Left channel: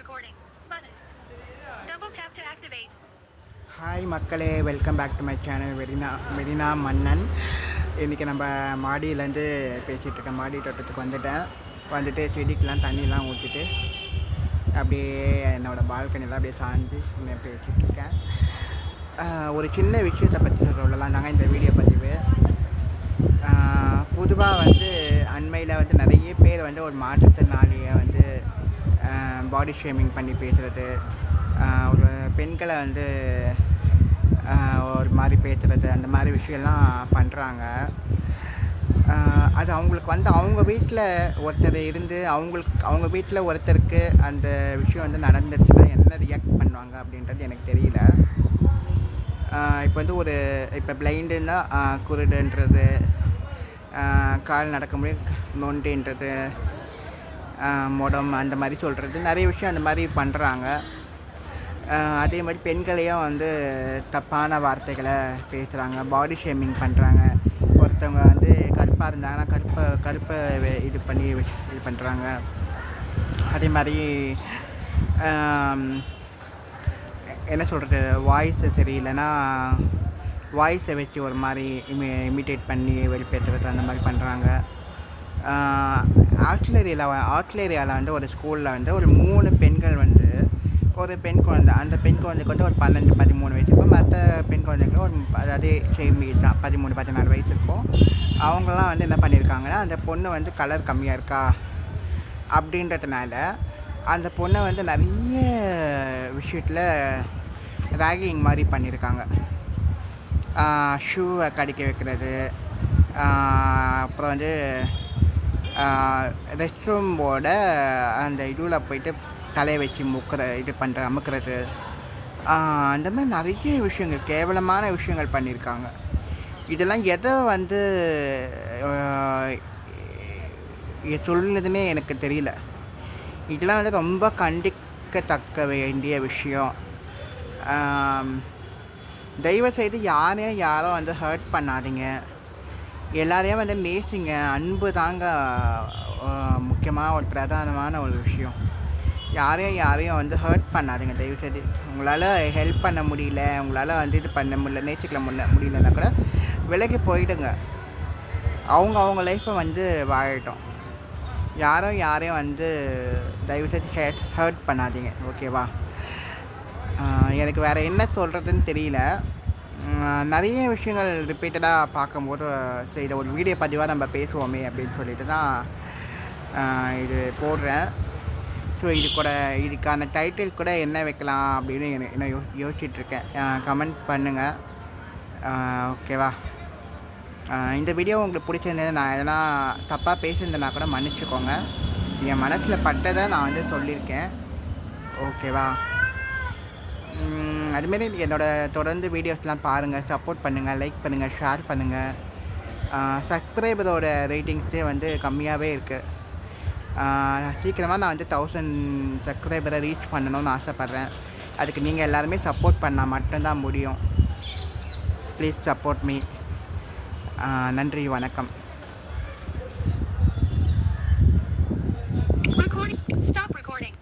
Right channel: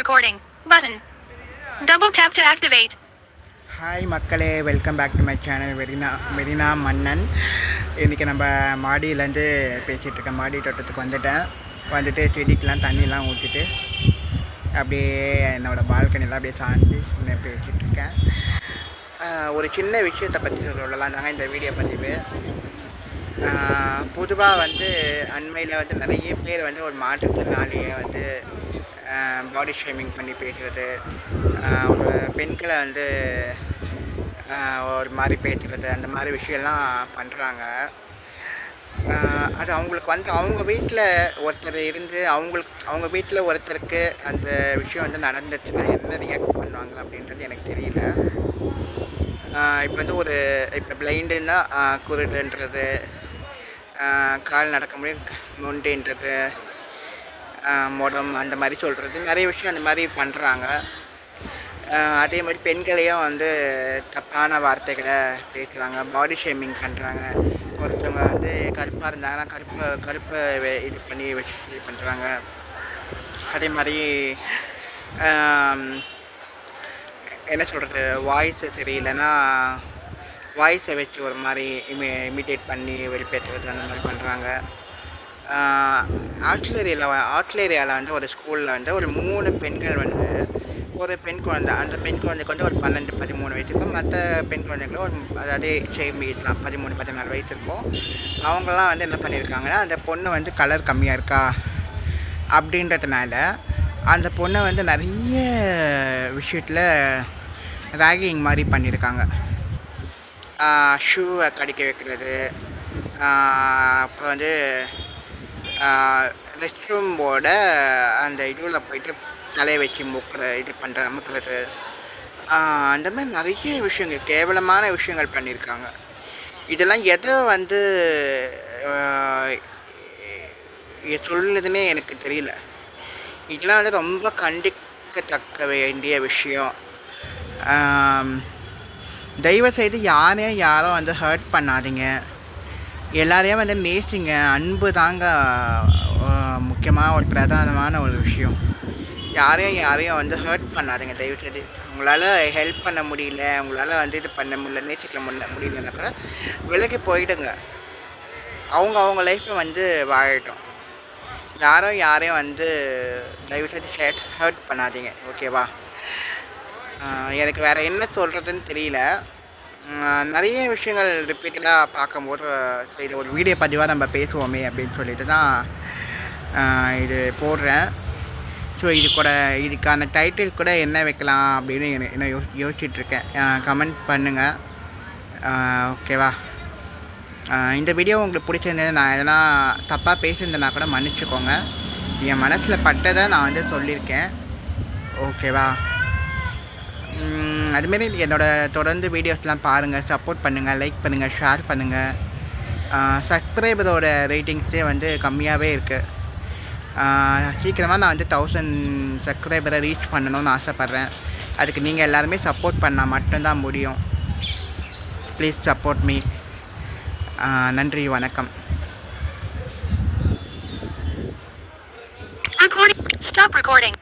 recording button. Double tap to activate. Hi மக்களே, welcome back to my channel Marina Mannan. இன்றைக்கி நம்ம மாடியிலேருந்து பேசிகிட்ருக்கேன். மாடி தோட்டத்துக்கு வந்துட்டு செடிக்கெலாம் தண்ணிலாம் ஊற்றிட்டு அப்படியே என்னோடய பால்கனிலாம் அப்படியே சாஞ்சி பேசிகிட்ருக்கேன். ஒரு சின்ன விஷயத்தை பற்றி சொல்லலாம் தாங்க இந்த வீடியோ பதிவு. பொதுவாக அண்மையில் நிறைய பேர் ஒரு மாற்றுத்திறனாளியை பாடி ஷேமிங் பண்ணி பேசுகிறது, ஒரு பெண்களை ஒரு மாதிரி பேசுகிறது, அந்த மாதிரி விஷயம்லாம் பண்ணுறாங்க. அது அவங்களுக்கு அவங்க வீட்டில் ஒருத்தர் இருந்து அவங்க வீட்டில் ஒருத்தருக்கு அந்த விஷயம் நடந்துச்சுன்னா என்ன ரியாக்ட் பண்ணுவாங்க அப்படின்றது எனக்கு தெரியல. இப்போ இப்போ பிளைண்டுன்னா குருடுன்றது, கால் நடக்க முடியும் நொண்டுன்றது, மொடம் அந்த மாதிரி சொல்கிறது, நிறைய விஷயம் அந்த மாதிரி பண்ணுறாங்க. அதே மாதிரி பெண்களையும் தப்பான வார்த்தைகளை பேசுகிறாங்க, பாடி ஷேமிங் பண்ணுறாங்க. ஒருத்தவங்க கருப்பாக இருந்தாங்கன்னா கருப்பை இது பண்ணி இது பண்ணுறாங்க. அதே மாதிரி என்ன சொல்கிறது, வாய்ஸு சரியில்லைன்னா வாய்ஸை வச்சு ஒரு மாதிரி இமிட்டேட் பண்ணி வெளிப்பேற்றுறது, அந்த மாதிரி பண்ணுறாங்க. ஆட்லேரியாவில் ஒரு ஸ்கூலில் ஒரு 3 பெண்கள் ஒரு பெண் குழந்தை, அந்த பெண் குழந்தைக்கு ஒரு 12-13 வயசு இருக்கும். மற்ற பெண் குழந்தைகளும் அதே சேம் ஏஜ் தான், 13-14 வயசு இருக்கும். அவங்களாம் என்ன பண்ணியிருக்காங்கன்னா, அந்த பொண்ணு கலர் கம்மியாக இருக்கா அப்படின்றதுனால அந்த பொண்ணை நிறைய விஷயத்தில் ராகிங் மாதிரி பண்ணியிருக்காங்க. ஷூவை கடிக்க வைக்கிறது, அப்புறம் ரெஸ்ட் ரூமோட அந்த இதுவில் போயிட்டு தலையை வச்சு அமுக்கிறது, அந்த மாதிரி நிறைய விஷயங்கள், கேவலமான விஷயங்கள் பண்ணியிருக்காங்க. இதெல்லாம் எதை சொல்லுதுன்னே எனக்கு தெரியல. இதெல்லாம் ரொம்ப கண்டிக்கத்தக்க வேண்டிய விஷயம். தயவுசெய்து யாரும் ஹர்ட் பண்ணாதீங்க. எல்லாரையும் நேசிங்க. அன்பு தாங்க முக்கியமாக ஒரு பிரதானமான ஒரு விஷயம். யாரையும் ஹர்ட் பண்ணாதீங்க தயவுசெய்து. உங்களால் ஹெல்ப் பண்ண முடியல, உங்களால் இது பண்ண முடியல, நேசிக்கல முடியலன்னா கூட விலகி போயிடுங்க. அவங்க லைஃப்பை வாழட்டும். யாரையும் தயவுசெய்து ஹர்ட் பண்ணாதீங்க, ஓகேவா? எனக்கு வேறு என்ன சொல்கிறதுன்னு தெரியல. நிறைய விஷயங்கள் ரிப்பீட்டடாக பார்க்கும்போது இதை ஒரு வீடியோ பதிவாக நம்ம பேசுவோமே அப்படின்னு சொல்லிட்டு தான் இது போடுறேன். ஸோ இதுக்கான டைட்டில் கூட என்ன வைக்கலாம் அப்படின்னு என்ன யோசிச்சுட்ருக்கேன். கமெண்ட் பண்ணுங்கள், ஓகேவா? இந்த வீடியோ உங்களுக்கு பிடிச்சிருந்தது, நான் எதனா தப்பாக பேசியிருந்தேன்னா கூட மன்னிச்சுக்கோங்க. என் மனசில் பட்டதை நான் சொல்லியிருக்கேன், ஓகேவா? அதுமாரி தொடர்ந்து வீடியோஸ்லாம் பாருங்கள், சப்போர்ட் பண்ணுங்கள், லைக் பண்ணுங்கள், ஷேர் பண்ணுங்கள். சப்ஸ்கிரைபரோட ரேட்டிங்ஸே கம்மியாகவே இருக்குது. சீக்கிரமாக நான் 1000 சப்ஸ்கிரைபரை ரீச் பண்ணணும்னு ஆசைப்பட்றேன். அதுக்கு நீங்கள் எல்லாருமே சப்போர்ட் பண்ணால் மட்டும்தான் முடியும். Please support me. நன்றி, வணக்கம். Stop recording.